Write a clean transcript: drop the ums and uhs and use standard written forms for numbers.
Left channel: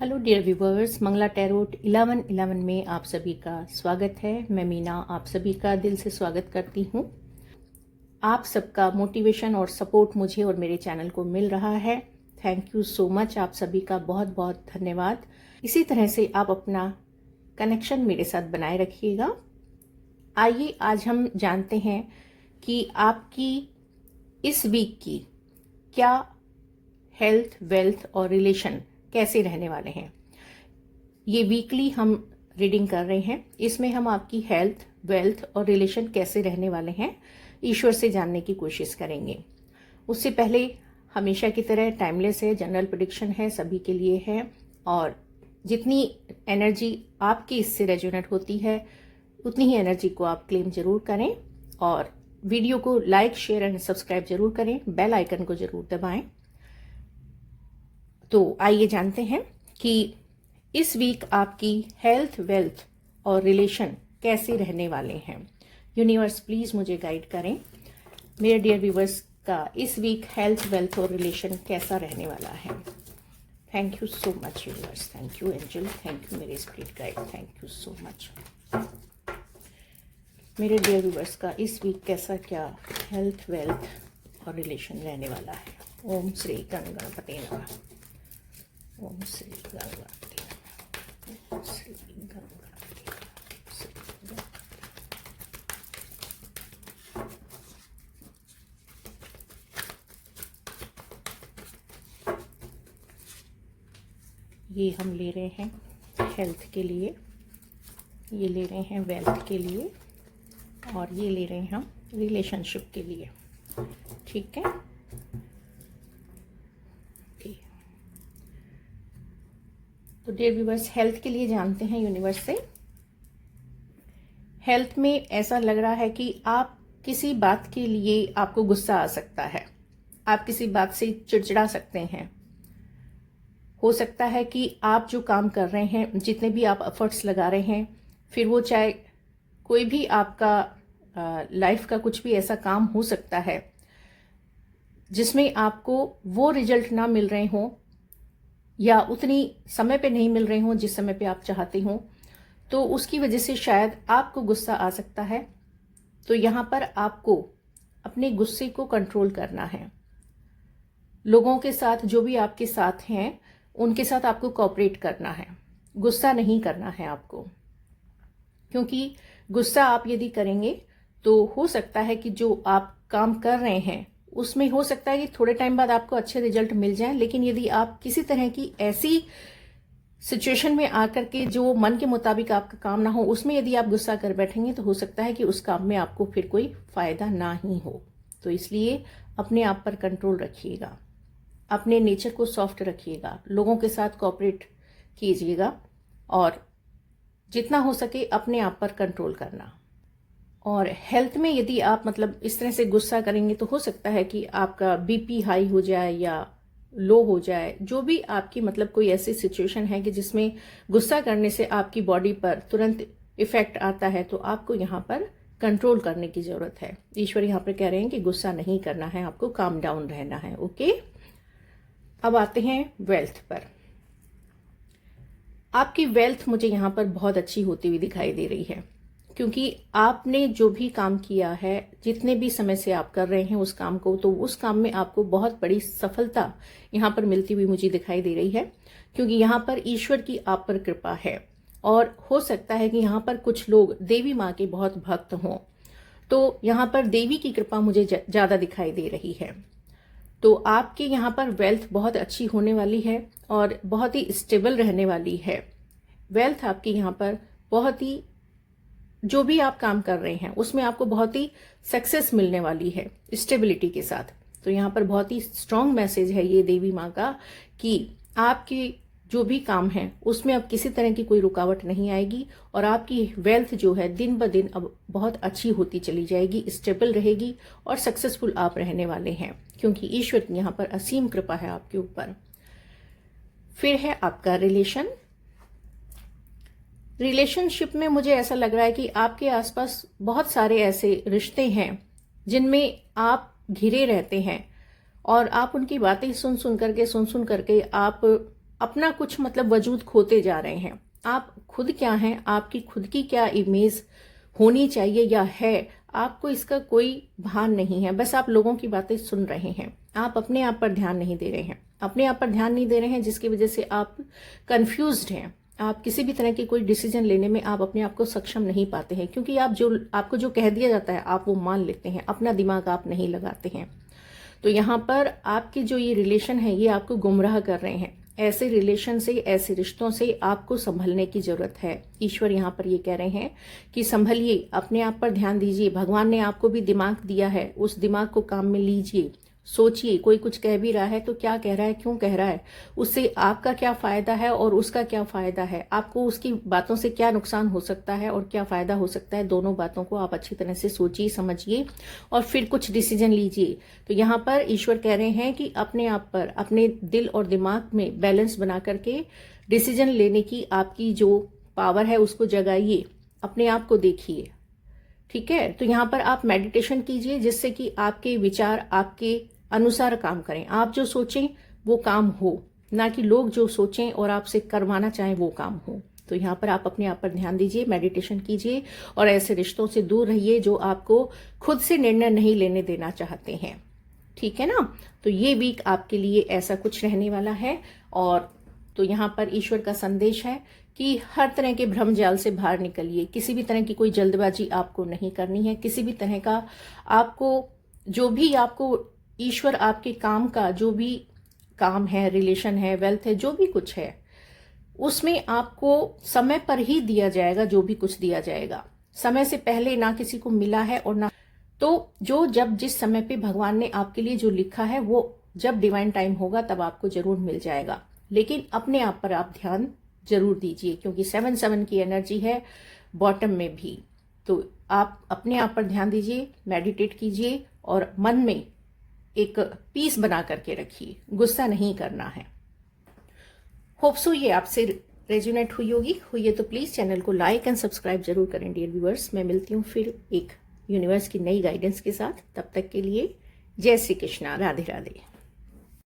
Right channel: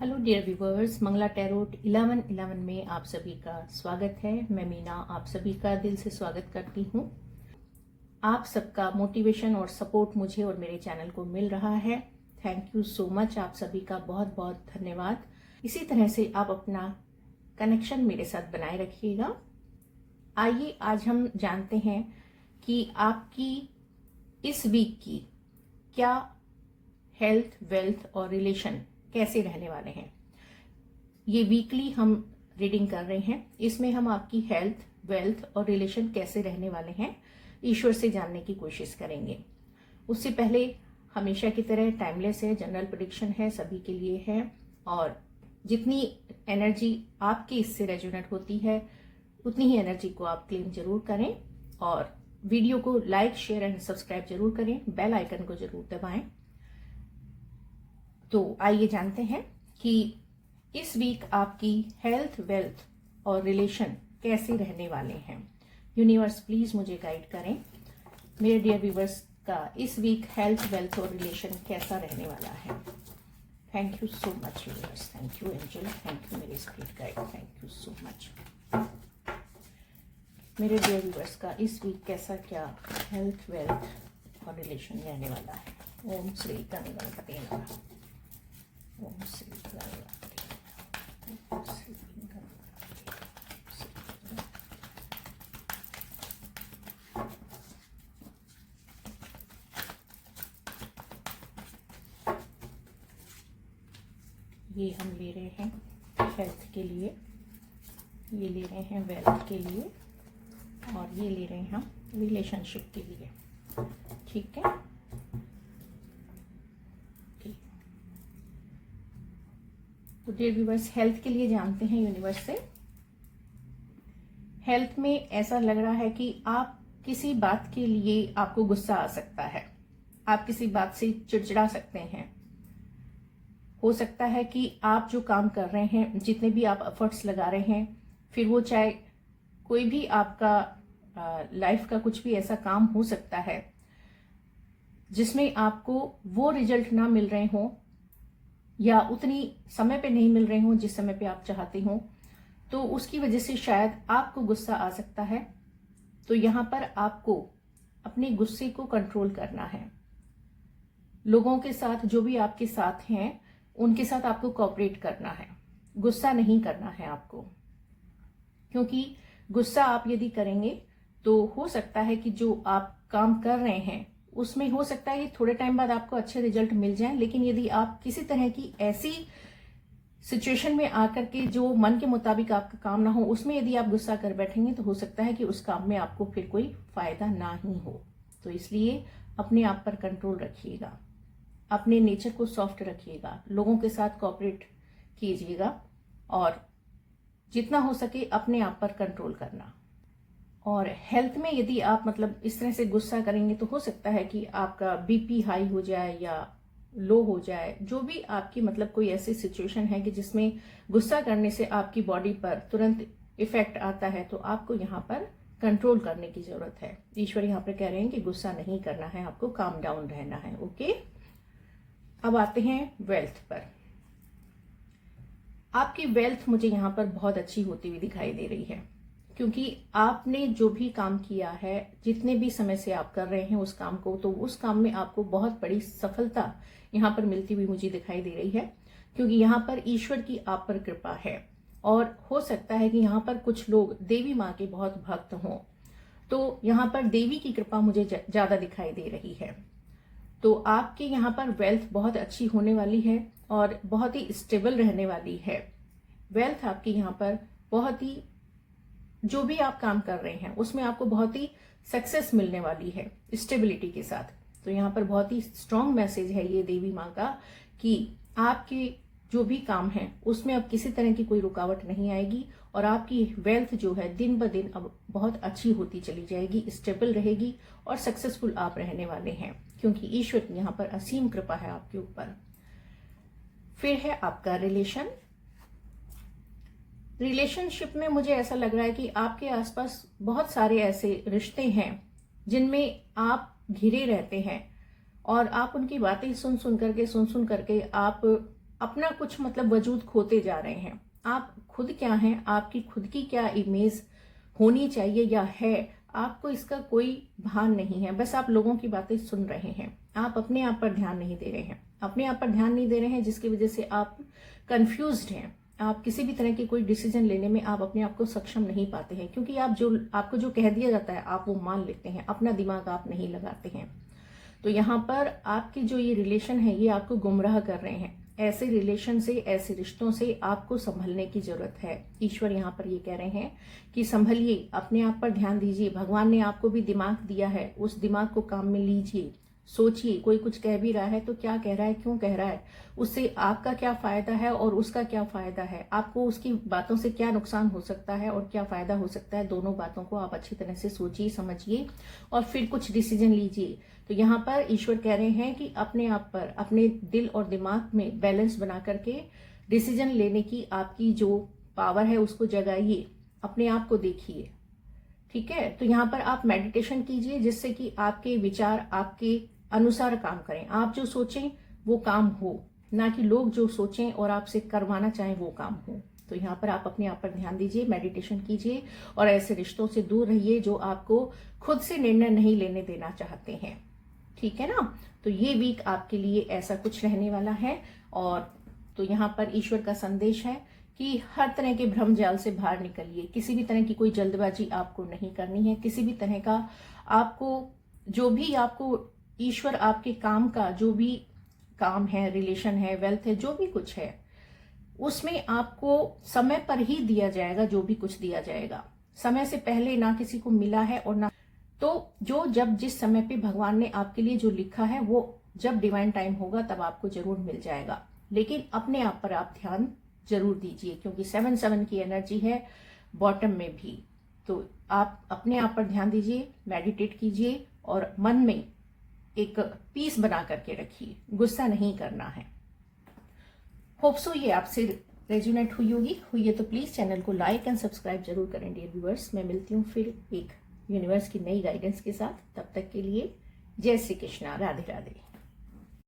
Hello dear viewers, Mangala tarot 1111 में आप सभी का स्वागत है। मैं मीना आप सभी का दिल से स्वागत करती हूँ। आप सबका मोटिवेशन और सपोर्ट मुझे और मेरे चैनल को मिल रहा है। थैंक यू सो मच, आप सभी का बहुत बहुत धन्यवाद। इसी तरह से आप अपना कनेक्शन मेरे साथ बनाए रखिएगा। आइए आज हम जानते हैं कि आपकी इस वीक की क्या हेल्थ, वेल्थ और रिलेशन कैसे रहने वाले हैं। ये वीकली हम रीडिंग कर रहे हैं। इसमें हम आपकी हेल्थ, वेल्थ और रिलेशन कैसे रहने वाले हैं ईश्वर से जानने की कोशिश करेंगे। उससे पहले हमेशा की तरह टाइमलेस है, जनरल प्रेडिक्शन है, सभी के लिए है और जितनी एनर्जी आपकी इससे रेजोनेट होती है उतनी ही एनर्जी को आप क्लेम जरूर करें और वीडियो को लाइक, शेयर एंड सब्सक्राइब जरूर करें। बेल आइकन को जरूर दबाएं। तो आइए जानते हैं कि इस वीक आपकी हेल्थ, वेल्थ और रिलेशन कैसे रहने वाले हैं। यूनिवर्स प्लीज मुझे गाइड करें। मेरे डियर व्यूवर्स का इस वीक हेल्थ, वेल्थ और रिलेशन कैसा रहने वाला है। Thank you so much universe, thank you angel, thank you मेरे spirit guide, thank you so much. मेरे डियर व्यूवर्स का इस वीक कैसा क्या हेल्थ, वेल्थ और रिलेशन रहने वाला है। ओम श्री गणपते नमः। ओम श्री गणपते नमः। ओम श्री गणपते नमः। ये हम ले रहे हैं हेल्थ के लिए, ये ले रहे हैं वेल्थ के लिए और ये ले रहे हैं हम रिलेशनशिप के लिए। ठीक है, तो डियर व्यूवर्स हेल्थ के लिए जानते हैं यूनिवर्स से। हेल्थ में ऐसा लग रहा है कि आप किसी बात के लिए आपको गुस्सा आ सकता है, आप किसी बात से चिड़चिड़ा सकते हैं। हो सकता है कि आप जो काम कर रहे हैं, जितने भी आप एफर्ट्स लगा रहे हैं, फिर वो चाहे कोई भी आपका लाइफ का कुछ भी ऐसा काम हो सकता है जिसमें आपको वो रिजल्ट ना मिल रहे हो या उतनी समय पे नहीं मिल रहे हो जिस समय पे आप चाहते हो, तो उसकी वजह से शायद आपको गुस्सा आ सकता है। तो यहां पर आपको अपने गुस्से को कंट्रोल करना है। लोगों के साथ, जो भी आपके साथ हैं, उनके साथ आपको कोऑपरेट करना है, गुस्सा नहीं करना है आपको। क्योंकि गुस्सा आप यदि करेंगे तो हो सकता है कि जो आप काम कर रहे हैं उसमें हो सकता है कि थोड़े टाइम बाद आपको अच्छे रिजल्ट मिल जाएं, लेकिन यदि आप किसी तरह की ऐसी सिचुएशन में आकर के जो मन के मुताबिक आपका काम ना हो, उसमें यदि आप गुस्सा कर बैठेंगे तो हो सकता है कि उस काम में आपको फिर कोई फायदा ना ही हो। तो इसलिए अपने आप पर कंट्रोल रखिएगा, अपने नेचर को सॉफ्ट रखिएगा, लोगों के साथ कोऑपरेट कीजिएगा और जितना हो सके अपने आप पर कंट्रोल करना। और हेल्थ में यदि आप मतलब इस तरह से गुस्सा करेंगे तो हो सकता है कि आपका बीपी हाई हो जाए या लो हो जाए। जो भी आपकी मतलब कोई ऐसी सिचुएशन है कि जिसमें गुस्सा करने से आपकी बॉडी पर तुरंत इफेक्ट आता है, तो आपको यहाँ पर कंट्रोल करने की जरूरत है। ईश्वर यहाँ पर कह रहे हैं कि गुस्सा नहीं करना है, आपको काम डाउन रहना है। ओके, अब आते हैं वेल्थ पर। आपकी वेल्थ मुझे यहाँ पर बहुत अच्छी होती हुई दिखाई दे रही है, क्योंकि आपने जो भी काम किया है, जितने भी समय से आप कर रहे हैं उस काम को, तो उस काम में आपको बहुत बड़ी सफलता यहाँ पर मिलती हुई मुझे दिखाई दे रही है। क्योंकि यहाँ पर ईश्वर की आप पर कृपा है और हो सकता है कि यहाँ पर कुछ लोग देवी माँ के बहुत भक्त हों, तो यहाँ पर देवी की कृपा मुझे ज्यादा दिखाई दे रही है। तो आपके यहाँ पर वेल्थ बहुत अच्छी होने वाली है और बहुत ही स्टेबल रहने वाली है। वेल्थ आपकी यहाँ पर बहुत ही, जो भी आप काम कर रहे हैं उसमें आपको बहुत ही सक्सेस मिलने वाली है स्टेबिलिटी के साथ। तो यहाँ पर बहुत ही स्ट्रांग मैसेज है ये देवी माँ का कि आपकी जो भी काम है उसमें अब किसी तरह की कोई रुकावट नहीं आएगी और आपकी वेल्थ जो है दिन ब दिन अब बहुत अच्छी होती चली जाएगी, स्टेबल रहेगी और सक्सेसफुल आप रहने वाले हैं, क्योंकि ईश्वर की यहाँ पर असीम कृपा है आपके ऊपर। फिर है आपका रिलेशनशिप में मुझे ऐसा लग रहा है कि आपके आसपास बहुत सारे ऐसे रिश्ते हैं जिनमें आप घिरे रहते हैं और आप उनकी बातें सुन सुन करके आप अपना कुछ मतलब वजूद खोते जा रहे हैं। आप खुद क्या हैं, आपकी खुद की क्या इमेज होनी चाहिए या है, आपको इसका कोई भान नहीं है। बस आप लोगों की बातें सुन रहे हैं, आप अपने आप पर ध्यान नहीं दे रहे हैं, अपने आप पर ध्यान नहीं दे रहे हैं, जिसकी वजह से आप कंफ्यूज्ड हैं। आप किसी भी तरह की कोई डिसीजन लेने में आप अपने आप को सक्षम नहीं पाते हैं, क्योंकि आपको जो कह दिया जाता है आप वो मान लेते हैं, अपना दिमाग आप नहीं लगाते हैं। तो यहाँ पर आपके जो ये रिलेशन है ये आपको गुमराह कर रहे हैं। ऐसे रिलेशन से, ऐसे रिश्तों से आपको संभलने की जरूरत है। ईश्वर यहाँ पर ये कह रहे हैं कि संभलिए, अपने आप पर ध्यान दीजिए। भगवान ने आपको भी दिमाग दिया है, उस दिमाग को काम में लीजिए। सोचिए, कोई कुछ कह भी रहा है तो क्या कह रहा है, क्यों कह रहा है, उससे आपका क्या फायदा है और उसका क्या फायदा है, आपको उसकी बातों से क्या नुकसान हो सकता है और क्या फायदा हो सकता है। दोनों बातों को आप अच्छी तरह से सोचिए, समझिए और फिर कुछ डिसीजन लीजिए। तो यहाँ पर ईश्वर कह रहे हैं कि अपने आप पर, अपने दिल और दिमाग में बैलेंस बना करके डिसीजन लेने की आपकी जो पावर है उसको जगाइए, अपने आप को देखिए। ठीक है, तो यहाँ पर आप मेडिटेशन कीजिए, जिससे कि आपके विचार आपके अनुसार काम करें। आप जो सोचें वो काम हो, ना कि लोग जो सोचें और आपसे करवाना चाहें वो काम हो। तो यहाँ पर आप अपने आप पर ध्यान दीजिए, मेडिटेशन कीजिए और ऐसे रिश्तों से दूर रहिए जो आपको खुद से निर्णय नहीं लेने देना चाहते हैं। ठीक है ना। तो ये वीक आपके लिए ऐसा कुछ रहने वाला है। और तो यहाँ पर ईश्वर का संदेश है कि हर तरह के भ्रम जाल से बाहर निकलिए। किसी भी तरह की कोई जल्दबाजी आपको नहीं करनी है। किसी भी तरह का आपको जो भी आपको ईश्वर आपके काम का जो भी काम है, रिलेशन है, वेल्थ है, जो भी कुछ है, उसमें आपको समय पर ही दिया जाएगा। जो भी कुछ दिया जाएगा समय से पहले ना किसी को मिला है और ना, तो जो जब जिस समय पे भगवान ने आपके लिए जो लिखा है वो जब डिवाइन टाइम होगा तब आपको जरूर मिल जाएगा। लेकिन अपने आप पर आप ध्यान जरूर दीजिए, क्योंकि 7-7 की एनर्जी है बॉटम में भी। तो आप अपने आप पर ध्यान दीजिए, मेडिटेट कीजिए और मन में एक पीस बना करके रखिए, गुस्सा नहीं करना है। होप सो ये आपसे रेजोनेट हुई है तो प्लीज चैनल को लाइक एंड सब्सक्राइब जरूर करें डियर व्यूअर्स। मैं मिलती हूँ फिर एक यूनिवर्स की नई गाइडेंस के साथ। तब तक के लिए जय श्री कृष्णा, राधे राधे।